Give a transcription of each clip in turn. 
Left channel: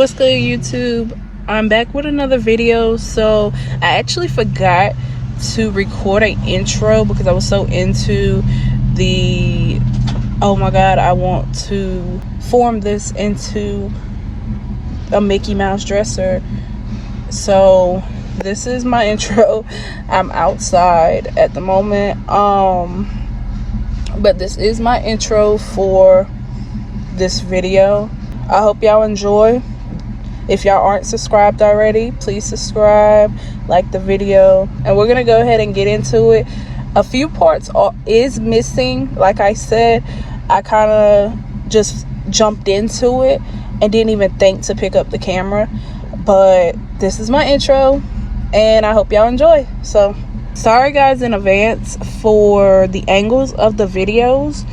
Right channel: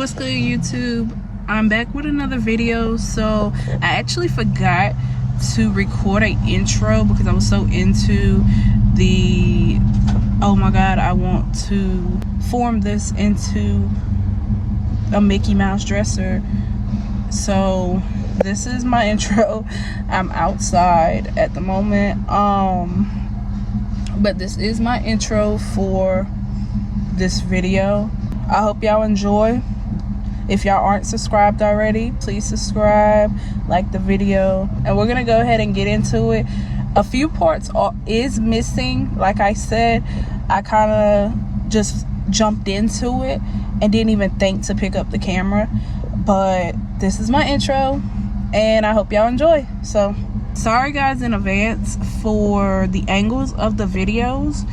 What's good, YouTube? I'm back with another video. So I actually forgot to record an intro because I was so into the oh my god, I want to form this into a Mickey Mouse dresser. So this is my intro. I'm outside at the moment, but this is my intro for this video. I hope y'all enjoy. If y'all aren't subscribed already, please subscribe, like the video, and we're gonna go ahead and get into it. A few parts is missing. Like I said, I kind of just jumped into it and didn't even think to pick up the camera, but this is my intro and I hope y'all enjoy. So sorry guys in advance for the angles of the videos.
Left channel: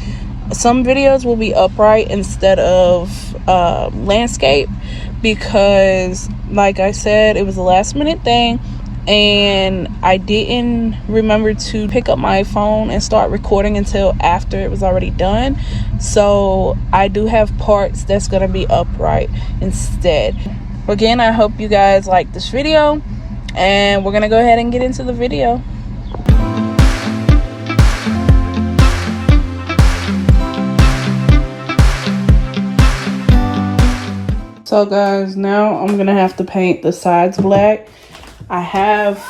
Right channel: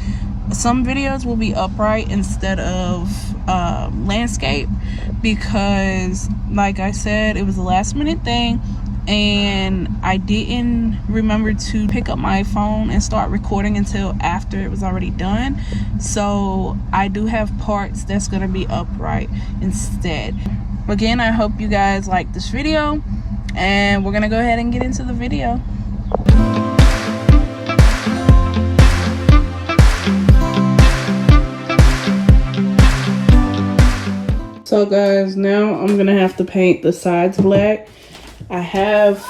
Some videos will be upright instead of landscape because, like I said, it was a last minute thing and I didn't remember to pick up my phone and start recording until after it was already done. So I do have parts that's gonna be upright instead. Again, I hope you guys like this video and we're gonna go ahead and get into the video. So guys, now I'm gonna have to paint the sides black. I have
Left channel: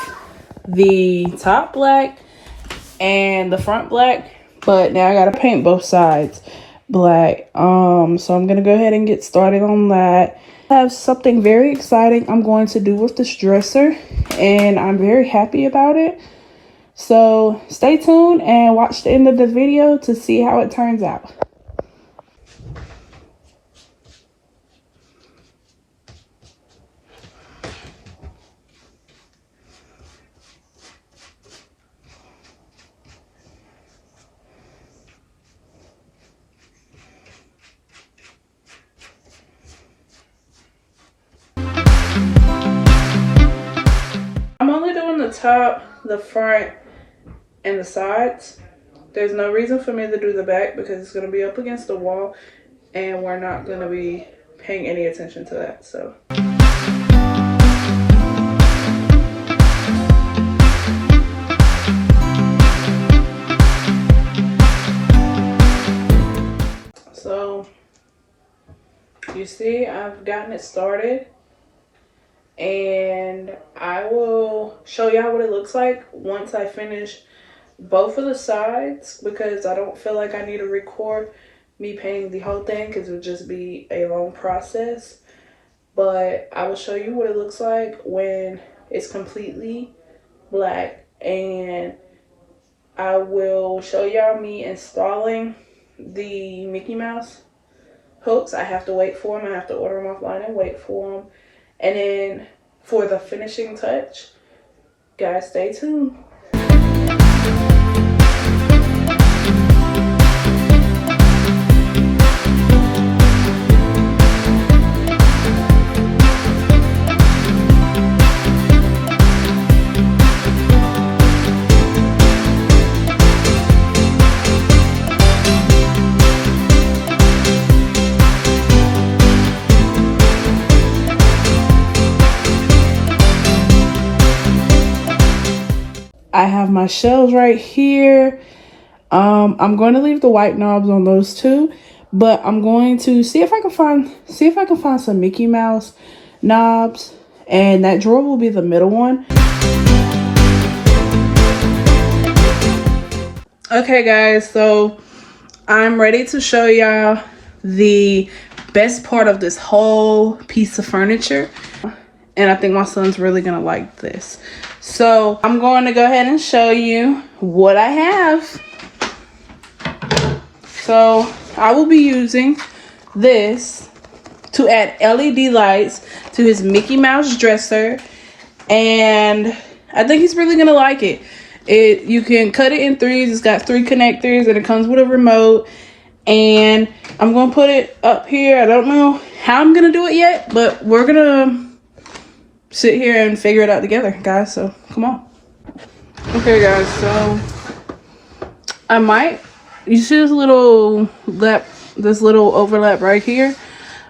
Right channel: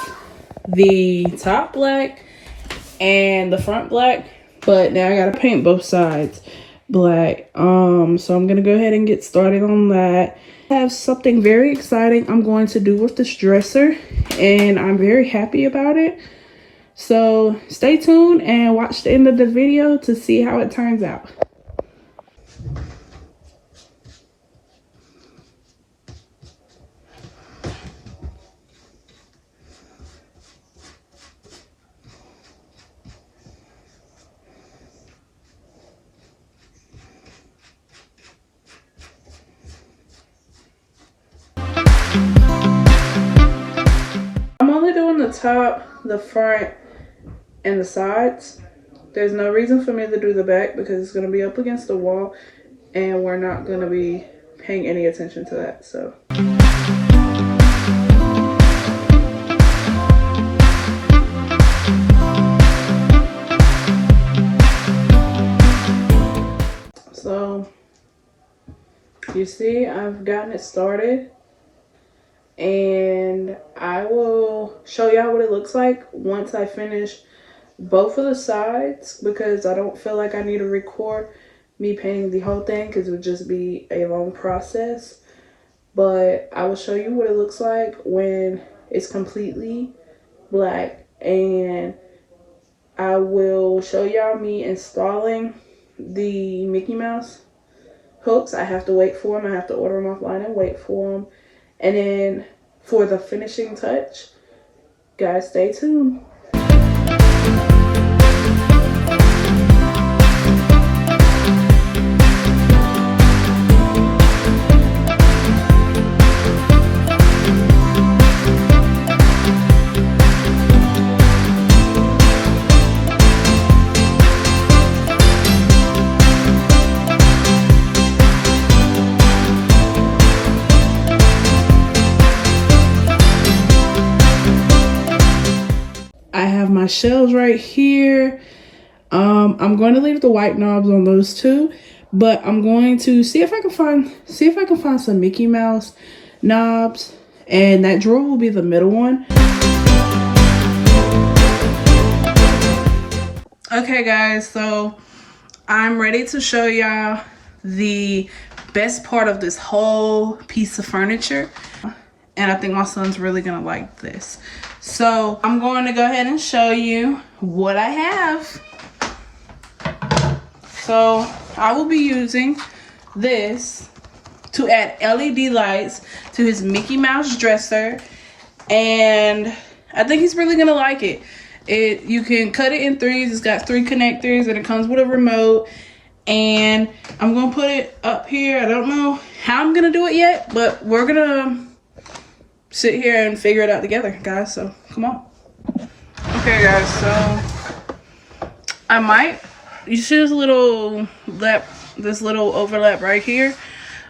the top black and the front black, but now I gotta paint both sides black. So I'm gonna go ahead and get started on that. I have something very exciting I'm going to do with this dresser and I'm very happy about it. So stay tuned and watch the end of the video to see how it turns out. The top, the front, and the sides. There's no reason for me to do the back because it's going to be up against the wall and we're not going to be paying any attention to that. So you see, I've gotten it started. And I will show y'all what it looks like once I finish both of the sides, because I don't feel like I need to record me painting the whole thing because it would just be a long process. But I will show you what it looks like when it's completely black, and I will show y'all me installing the Mickey Mouse hooks. I have to wait for them. I have to order them offline and wait for them. And then for the finishing touch, guys, stay tuned. I have my shells right here. I'm going to leave the white knobs on those two, but I'm going to see if I can find some Mickey Mouse knobs, and that drawer will be the middle one. Okay guys, so I'm ready to show y'all the best part of this whole piece of furniture, and I think my son's really gonna like this. So I'm going to go ahead and show you what I have. So I will be using this to add LED lights to his Mickey Mouse dresser, and I think he's really gonna like it. You can cut it in threes. It's got 3 connectors and it comes with a remote, and I'm gonna put it up here. I don't know how I'm gonna do it yet, but we're gonna sit here and figure it out together, guys. So come on. Okay guys, so you see this little overlap right here.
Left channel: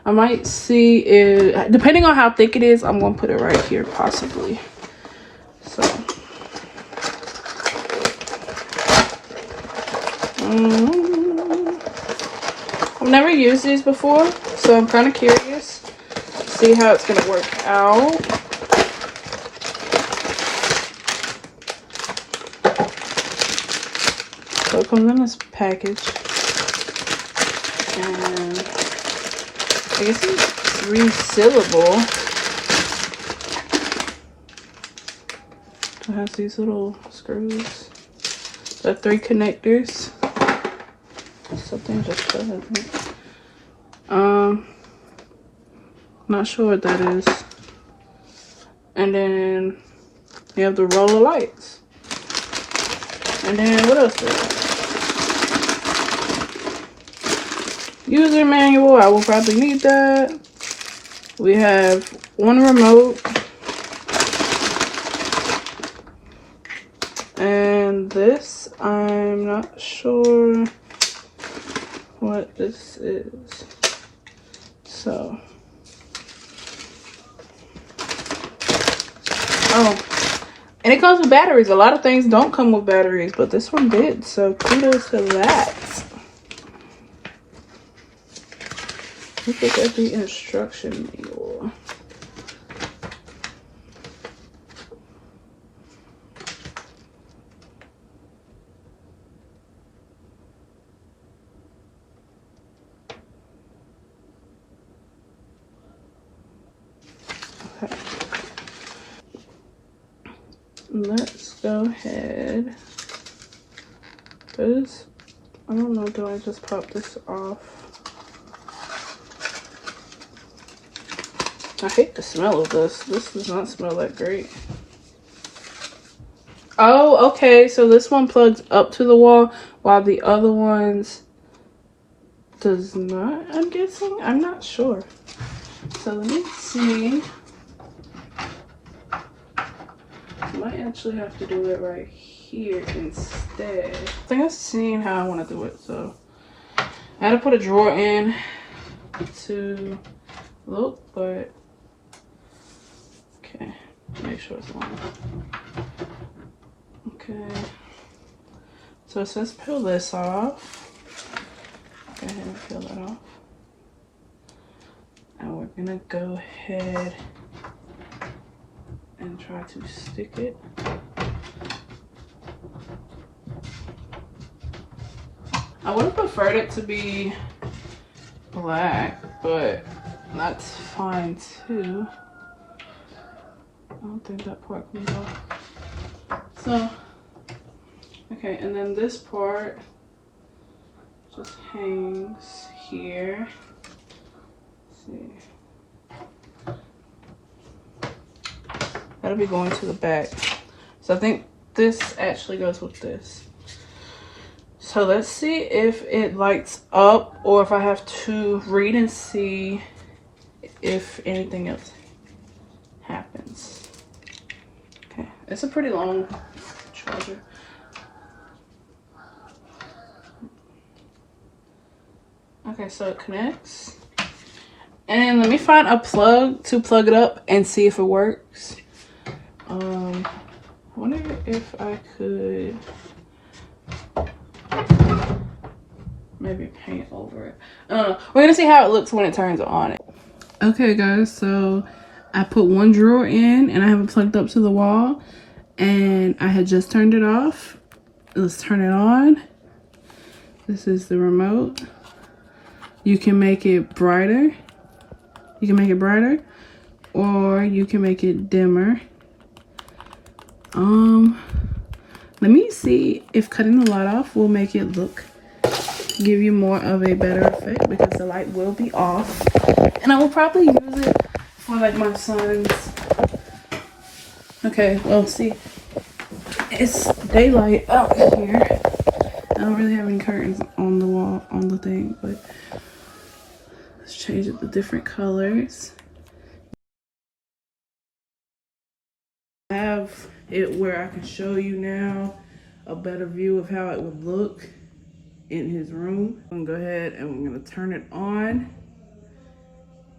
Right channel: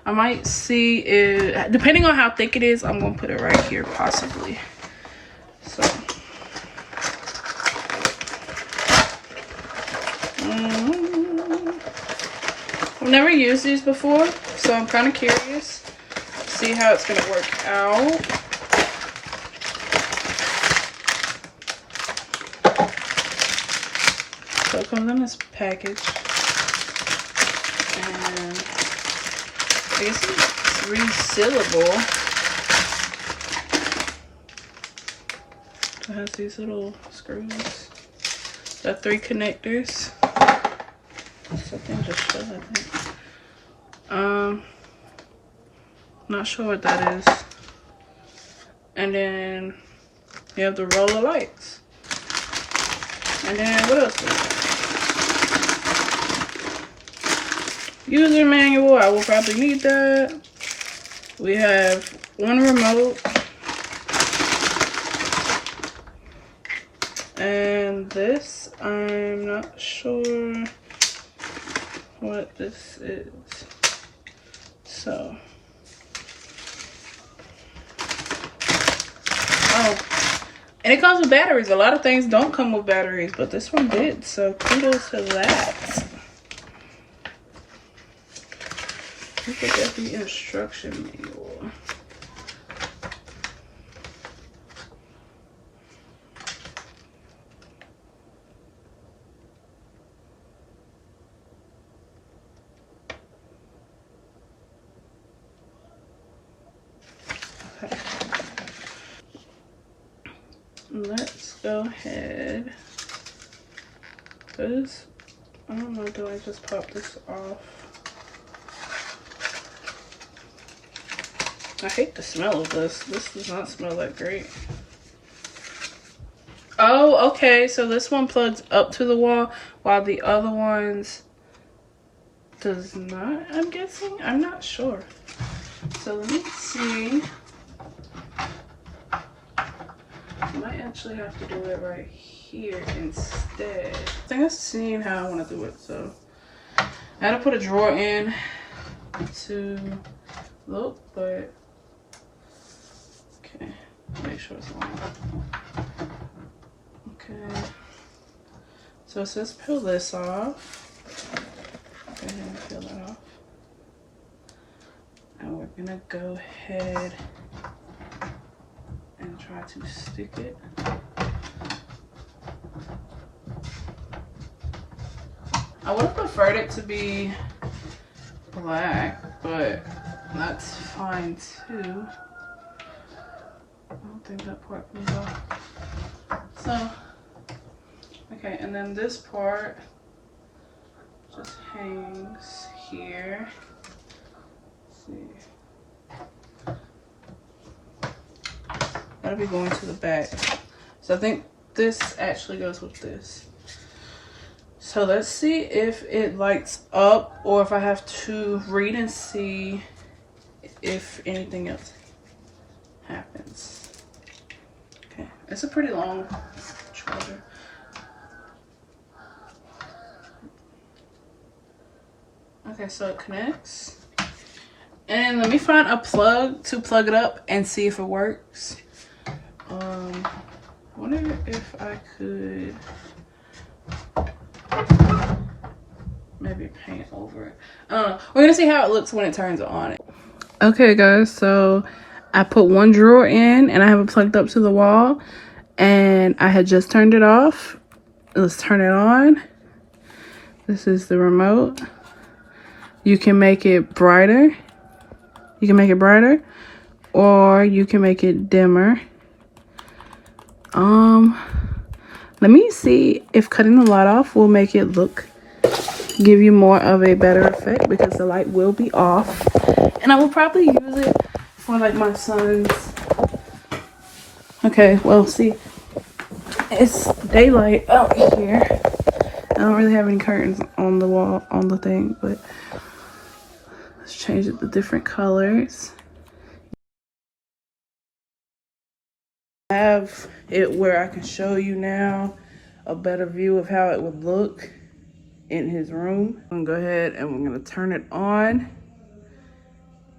I might see it, depending on how thick it is, I'm gonna put it right here possibly. So I've never used these before, so I'm kind of curious to see how it's gonna work out. So it comes in this package, and I guess it's resealable. It has these little screws. The 3 connectors. Something just fell in here. Not sure what that is. And then you have the roller lights. And then what else do we have? User manual. I will probably need that. We have 1 remote. And this, I'm not sure what this is. So, oh, and it comes with batteries. A lot of things don't come with batteries, but this one did. So kudos to that. Look at the instruction manual. Let's go ahead. This, I don't know, do I just pop this off? I hate the smell of this. This does not smell that great. Oh, okay. So this one plugs up to the wall while the other ones does not, I'm guessing. I'm not sure. So let me see. I might actually have to do it right here instead. I think I've seen how I want to do it. So I had to put a drawer in to look, but okay, make sure it's on. Okay, so let's peel this off. Go ahead and peel that off. And we're gonna go ahead and try to stick it. I would have preferred it to be black, but that's fine too. I don't think that part comes off. So, okay, and then this part just hangs here. Let's see. That'll be going to the back. So I think this actually goes with this. So let's see if it lights up or if I have to read and see if anything else happens. Okay, it's a pretty long charger. Okay, so it connects. And let me find a plug to plug it up and see if it works. I wonder if I could maybe paint over it. I don't know. We're gonna see how it looks when it turns on. Okay guys, so I put one drawer in and I have it plugged up to the wall and I had just turned it off. Let's turn it on. This is the remote. You can make it brighter. You can make it brighter or you can make it dimmer. Let me see if cutting the light off will make it give you more of a better effect because the light will be off. And I will probably use it for like my son's. Okay, well, see, it's daylight out here. I don't really have any curtains on the wall, on the thing, but let's change it to different colors. I have it where I can show you now a better view of how it would look in his room. I'm gonna go ahead and we're gonna turn it on.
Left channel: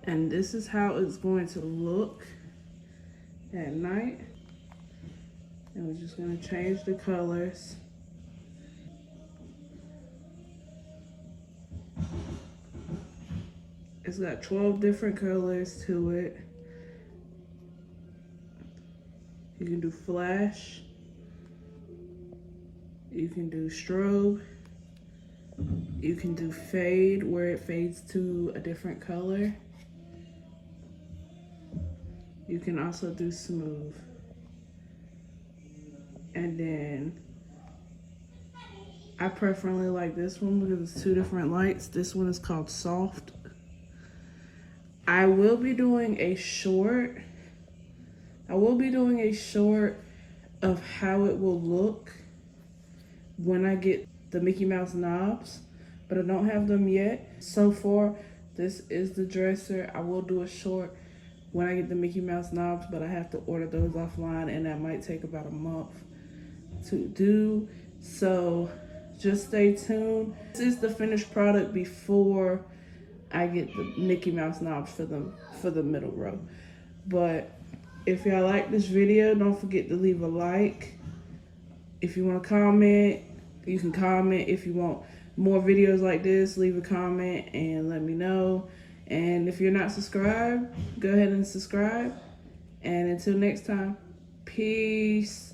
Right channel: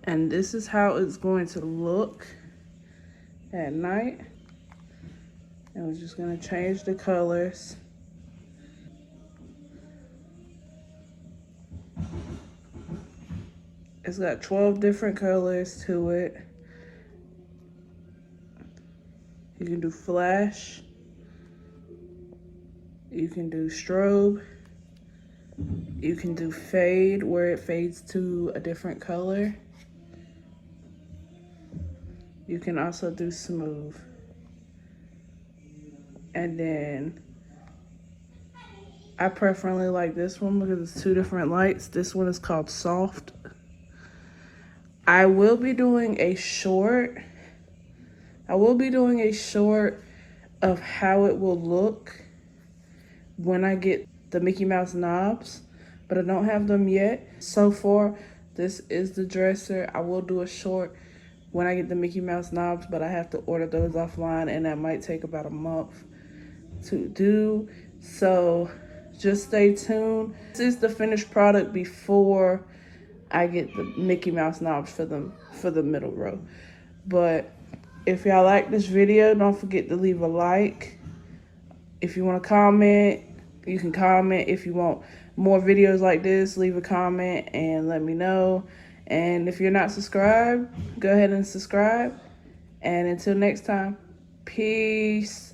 And this is how it's going to look at night. And we're just gonna change the colors. It's got 12 different colors to it. You can do flash. You can do strobe. You can do fade, where it fades to a different color. You can also do smooth. And then I preferably like this one because it's 2 different lights. This one is called soft. I will be doing a short. Of how it will look when I get the Mickey Mouse knobs, but I don't have them yet. So far, this is the dresser. I will do a short when I get the Mickey Mouse knobs, but I have to order those offline, and that might take about a month to do. So just stay tuned. This is the finished product before I get the Mickey Mouse knobs for the middle row. But if y'all like this video, don't forget to leave a like. If you want to comment, you can comment. If you want more videos like this, leave a comment and let me know. And if you're not subscribed, go ahead and subscribe. And until next time, peace.